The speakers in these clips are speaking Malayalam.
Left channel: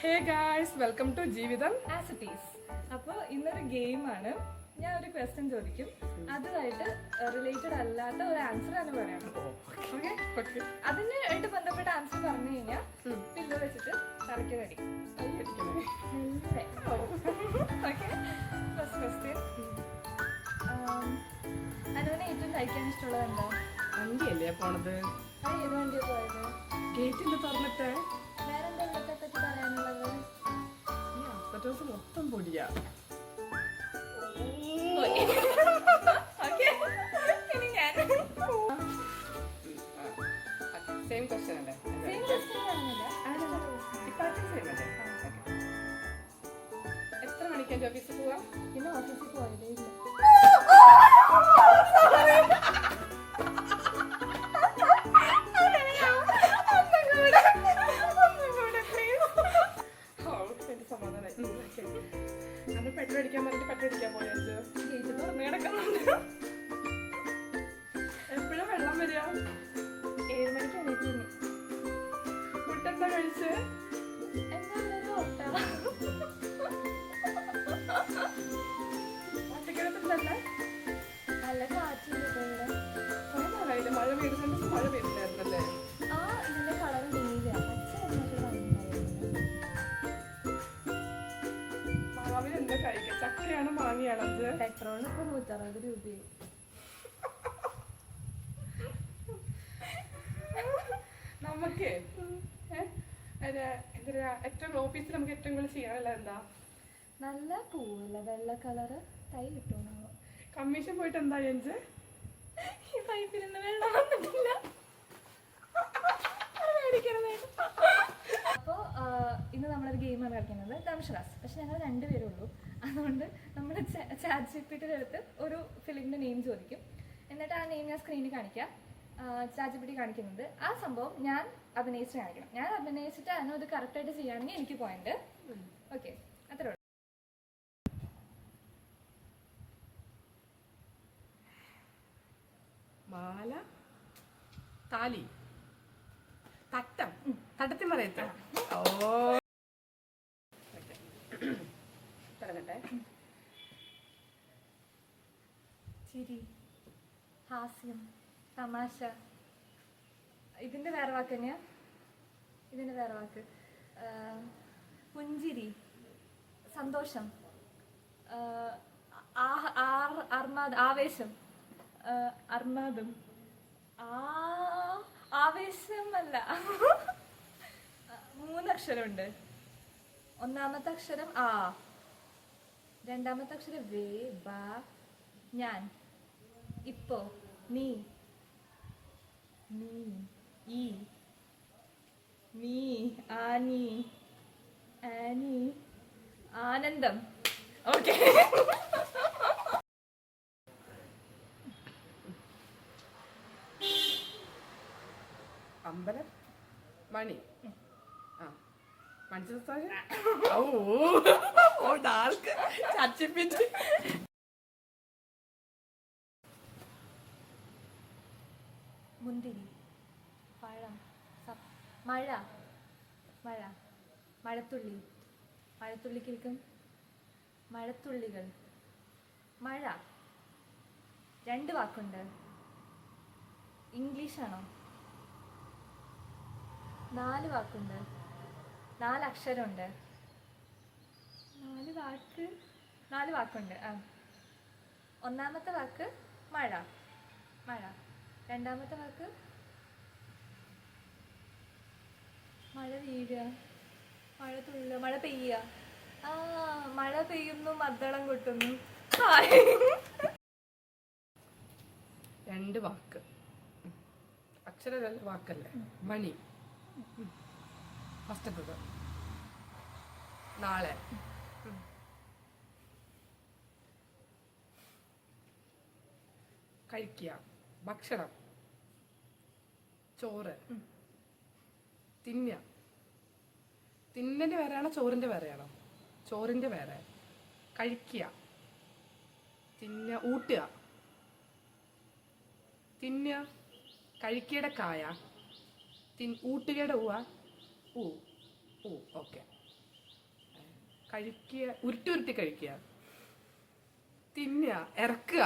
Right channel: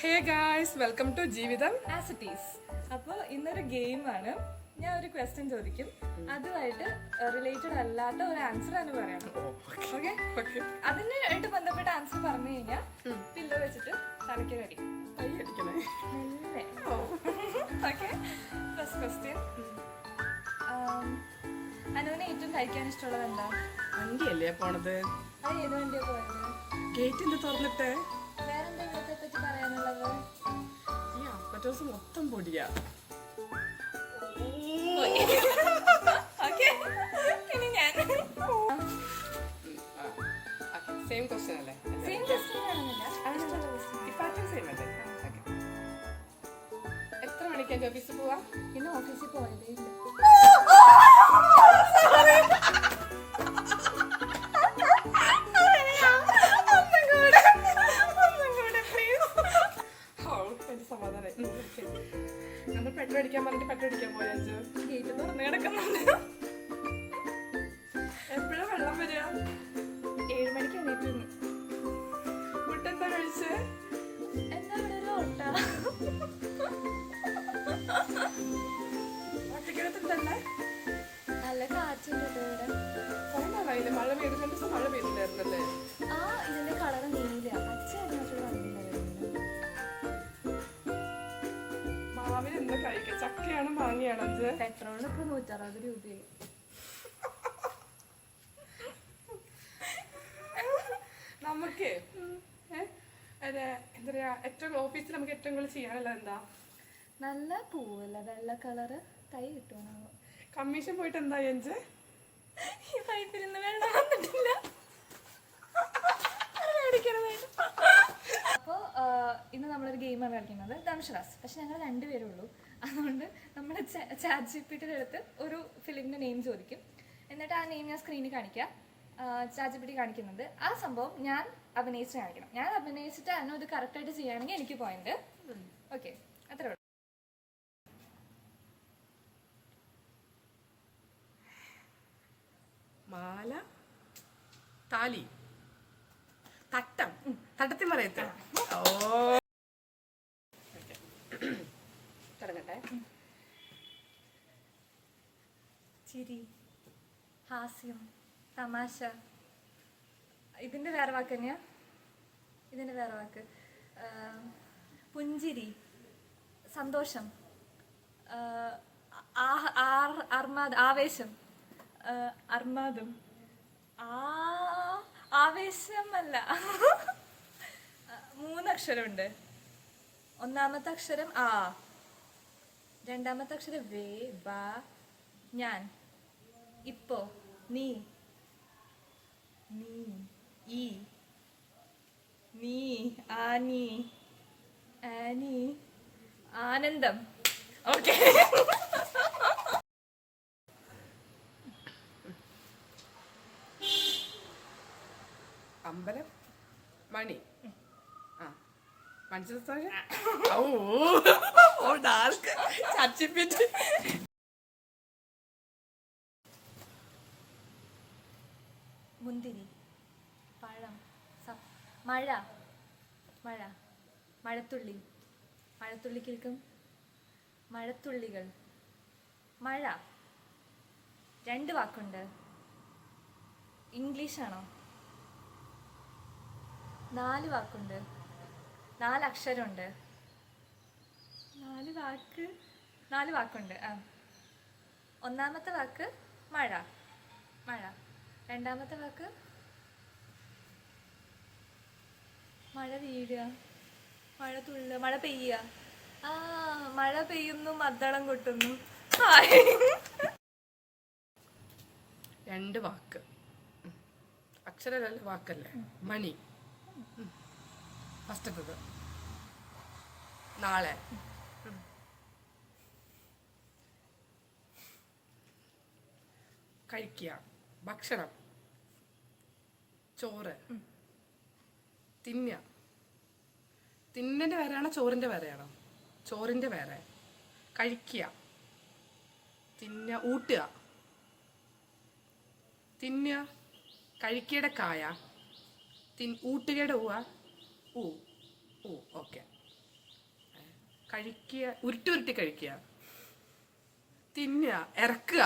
ഹേ ഗായ്സ്, വെൽക്കം ടു ജീവിതം ആസ് ഇറ്റ് ഈസ്. അപ്പോൾ ഇന്നൊരു ഗെയിമാണ്. ഞാൻ ഒരു ക്വസ്റ്റ്യൻ ചോദിക്കും, അതുമായിട്ട് റിലേറ്റഡ് അല്ലാത്ത ഒരു ആൻസർ തന്നെ പറയണം. ഓക്കെ? അതിനായിട്ട് ബന്ധപ്പെട്ട ആൻസർ പറഞ്ഞു കഴിഞ്ഞാൽ പില്ലോ വെച്ചിട്ട് തലയ്ക്ക് കടി. Okay, first question. അനുവിനെ ഏറ്റവും കഴിക്കാൻ ഇഷ്ടമുള്ളത് എന്താ? വണ്ടിയല്ലേ പോണത്? അത് ഏത് വണ്ടിയാ പോയത്? ഗേറ്റിന്റെ തുറന്നിട്ട് വേറെന്താ ഇവിടത്തെ പറ്റി പറയാനുള്ളത്? ഈ അപ്പറ്റോസ് മൊത്തം പൊടിയാ. ഇനി ഞാൻ സെയിം ക്വസ്റ്റ്യൻ അല്ലേ? ഡിപ്പാർട്ട്മെന്റ് സെയിം അല്ലേ? എത്ര മണിക്കാണ് ഓഫീസിൽ പോവാ? ഇന്ന് ഓഫീസിൽ പോയതേ ഇല്ല. നമ്മൾ പെട്രോൾ അടിക്കാൻ പറഞ്ഞിട്ട് പെട്രോൾ അടിക്കാൻ പോയാൽ ഗേറ്റ് തുറന്നു കിടക്കുന്നുണ്ട്. എപ്പോഴാ വെള്ളം വരിക? 7 മണിക്ക് എണീറ്റ്. ഫുഡ് എന്താ കഴിച്ച്? ഒറ്റക്കിടത്തുണ്ടല്ലേ? നല്ല കാറ്റില്ല. കുറെ നാളായില്ലേ മഴ പെയ്ത്? 2 ദിവസം മഴ പെയ്തില്ലായിരുന്നല്ലേ? ആ ഇതിന്റെ കളർ നീല പച്ച. മാവിന് എന്താ കഴിക്കുക? ചക്കയാണോ മാങ്ങയാണോ? അത് പെട്രോളിന് ഇപ്പൊ 160 രൂപയായി. നമുക്ക് എന്താ പറയാ, ഏറ്റവും ഓഫീസിൽ നമുക്ക് ഏറ്റവും കൂടുതൽ ചെയ്യാനുള്ള എന്താ? നല്ല പൂവല്ല, വെള്ള കളറ്. കൈ കിട്ടുമോ? കമ്മീഷൻ പോയിട്ട് എന്താ എഞ്ച്? ഈ പൈപ്പിൽ നിന്ന് വെള്ളം വന്നിട്ടില്ല. അപ്പോൾ ഇന്ന് നമ്മളൊരു ഗെയിമാണ് കളിക്കുന്നത്, ദംഷറാസ്. പക്ഷെ ഞങ്ങൾ 2 പേരേ ഉള്ളൂ. അതുകൊണ്ട് നമ്മൾ ചാറ്റ് ജിപിടിയുടെ അടുത്ത് ഒരു ഫിലിമിൻ്റെ നെയിം ചോദിക്കും. എന്നിട്ട് ആ നെയിം ഞാൻ സ്ക്രീനിൽ കാണിക്കാം. ചാറ്റ് ജിപിടി കാണിക്കുന്നത് ആ സംഭവം ഞാൻ അഭിനയിച്ച് കാണിക്കണം. ഞാൻ അഭിനയിച്ചിട്ട് അതിനെ ഇത് കറക്റ്റായിട്ട് ചെയ്യുകയാണെങ്കിൽ എനിക്ക് പോയിന്റ്. ഓക്കെ, അത്രേ ഉള്ളൂ. മാല, താലി, തട്ടം, തട്ടത്തിൽ പറയത്ത. ഓ തുടങ്ങട്ടെ. ചിരി, ഹാസ്യം, തമാശ. ഇതിൻ്റെ വേറെ വാക്ക് തന്നെയാ. ഇതിൻ്റെ വേറെ വാക്ക് പുഞ്ചിരി, സന്തോഷം, ആവേശം, അർമാദം. ആവേശമല്ല. 3 അക്ഷരമുണ്ട്. ഒന്നാമത്തെ അക്ഷരം ആ, രണ്ടാമത്തെ അക്ഷരം വേ, ബാ, ഞാൻ, ഇപ്പോ, നീ, നീ, ഈ, നീ, ആനി, ആനി, ആനന്ദം. ഓക്കെ. അമ്പലം, മണി, ആ മനസ്സിലാ? ഓ ഡാർക്ക് ചച്ചിപ്പിച്ച്. മുന്തിരി, പഴം, മഴ, മഴ, മഴത്തുള്ളി, മഴത്തുള്ളിക്കിരിക്കും, മഴത്തുള്ളികൾ, മഴ. 2 വാക്കുണ്ട്. ഇംഗ്ലീഷാണോ? 4 വാക്കുണ്ട്. 4 അക്ഷരമുണ്ട്. 4 വാക്കുണ്ട്. ആ, ഒന്നാമത്തെ വാക്ക് മഴ, മഴ. രണ്ടാമത്തെ വാക്ക് മഴ വീഴുക, മഴ തുള്ളുക, മഴ പെയ്യുക. ആ, മഴ പെയ്യുന്നു, മദ്ദളം കൊട്ടുന്നു. 2 വാക്ക്, അക്ഷരമല്ല വാക്കല്ലേ. മണി ഫസ്റ്റത്തത്. നാളെ, കഴിക്കുക, ഭക്ഷണം, ചോറ്, തിന്നുക. തിന്നൻ്റെ വേറെയാണോ ചോറിൻ്റെ വേറെയാണോ? ചോറിൻ്റെ വേറെ. കഴിക്കുക, തിന്നുക, ഊട്ടുക, തിന്നുക, കഴിക്കയുടെ കായ, ഊട്ടുകയുടെ ഊ. ഓക്കെ. കഴിക്കുക, ഉരുട്ടി ഉരുട്ടി കഴിക്കുക, തിന്നുക, ഇറക്കുക.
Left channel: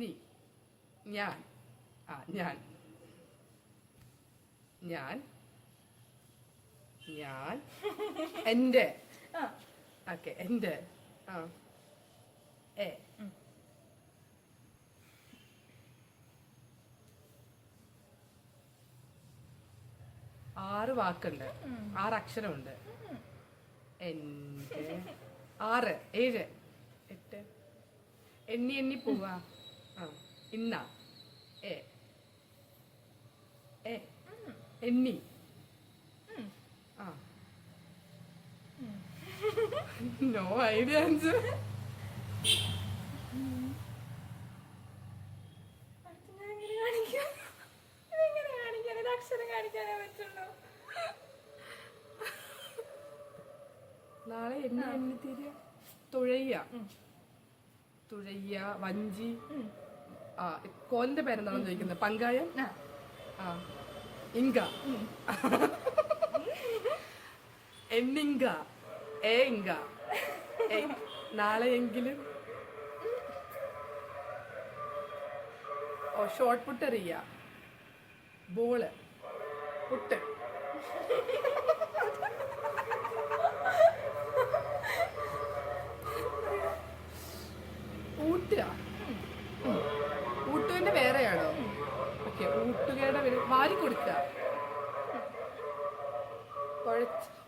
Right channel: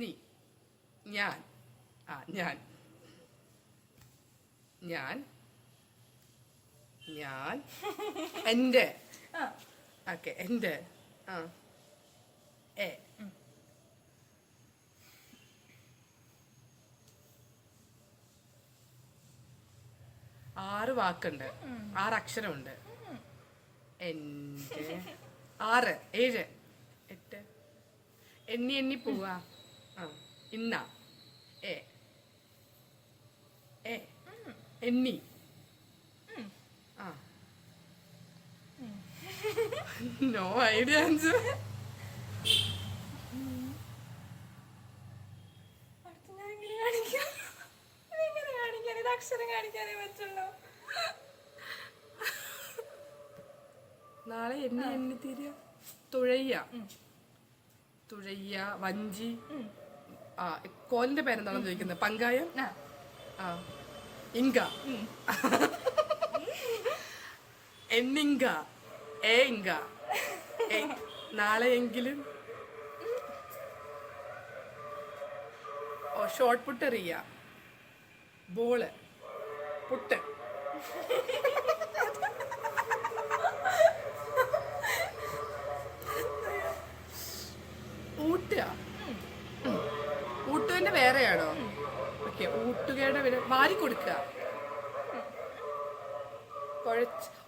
നീ, ഞാൻ, ഞാൻ, ഞാൻ, ഞാൻ, എൻ്റെ. ഓക്കെ, എൻ്റെ. എ. 6 വാക്കുണ്ട്, 6 അക്ഷരമുണ്ട്. എൻ്റെ 6, 7, 8. എണ്ണി എണ്ണി പോവാ. ഇന്ന എ എ എണ്ണി. No idea answer. അക്ഷരം കാണിക്കാനേ പറ്റുള്ളൂ. നാളെ എണ്ണി എണ്ണി തീരുക. തുഴയ്യ, തുഴയ്യ, വഞ്ചി. കോലിന്റെ പേരെന്താണെന്ന് ചോദിക്കുന്നത്? പങ്കായം. ഇങ്ക, എണ്ണിങ്ക, ഏ ഇങ്ക. നാളെയെങ്കിലും. ഷോർട്ട് പുട്ട് എറിയ, ബോള്, പുട്ട്. ഊട്ടുക, ഊട്ടുവിന്റെ വേറെയാണോ? ഓക്കെ, ഊട്ടുകയുടെ വാരി കൊടുക്കുക.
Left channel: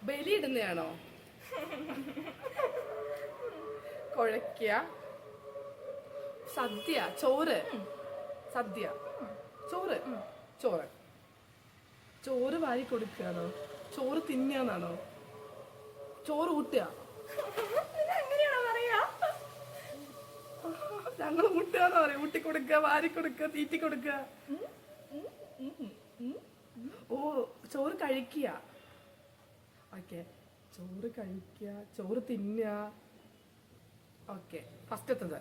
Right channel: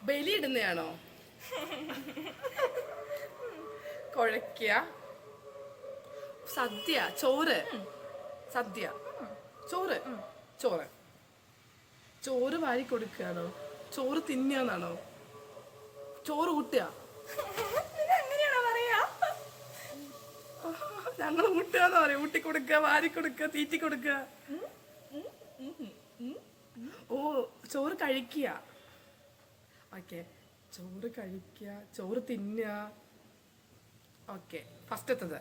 ബലിയിടുന്നതാണോ? കുഴയ്ക്കുക. സദ്യ, ചോറ്, സദ്യ, ചോറ്, ചോറ്. ചോറ് വാരി കൊടുക്കുകയാണോ? ചോറ് തിന്നാന്നാണോ? ചോറ് ഊട്ടുക. അങ്ങനെയാണോ പറയാ? ഞങ്ങൾ ഊട്ടുകയെന്ന് പറയും. ഊട്ടി കൊടുക്കുക, വാരി കൊടുക്കുക, തീറ്റി കൊടുക്കുക. ഓ, ചോറ് കഴിക്കുക. ഓക്കെ, ചോറ് കഴിക്കുക, ചോറ് തിന്നുക. ഓക്കെ, ഫസ്റ്റത്തത്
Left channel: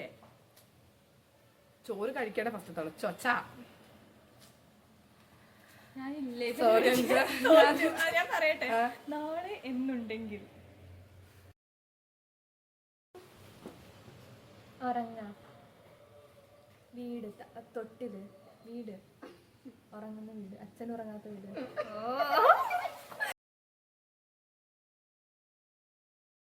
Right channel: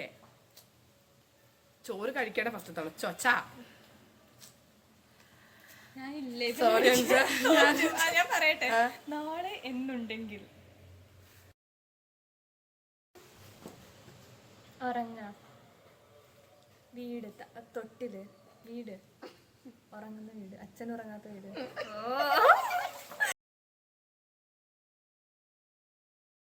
എ. ചോറ് കഴിക്കേണ്ട ഫസ്റ്റത്താണ് ചൊച്ച. സോറി, ഞാൻ പറയട്ടെ. നാളെ എന്നുണ്ടെങ്കിൽ ഉറങ്ങാം. വീട്, തൊട്ടില്, വീട്, ഉറങ്ങുന്ന വീട്, അച്ഛൻ ഉറങ്ങാത്ത വീട്.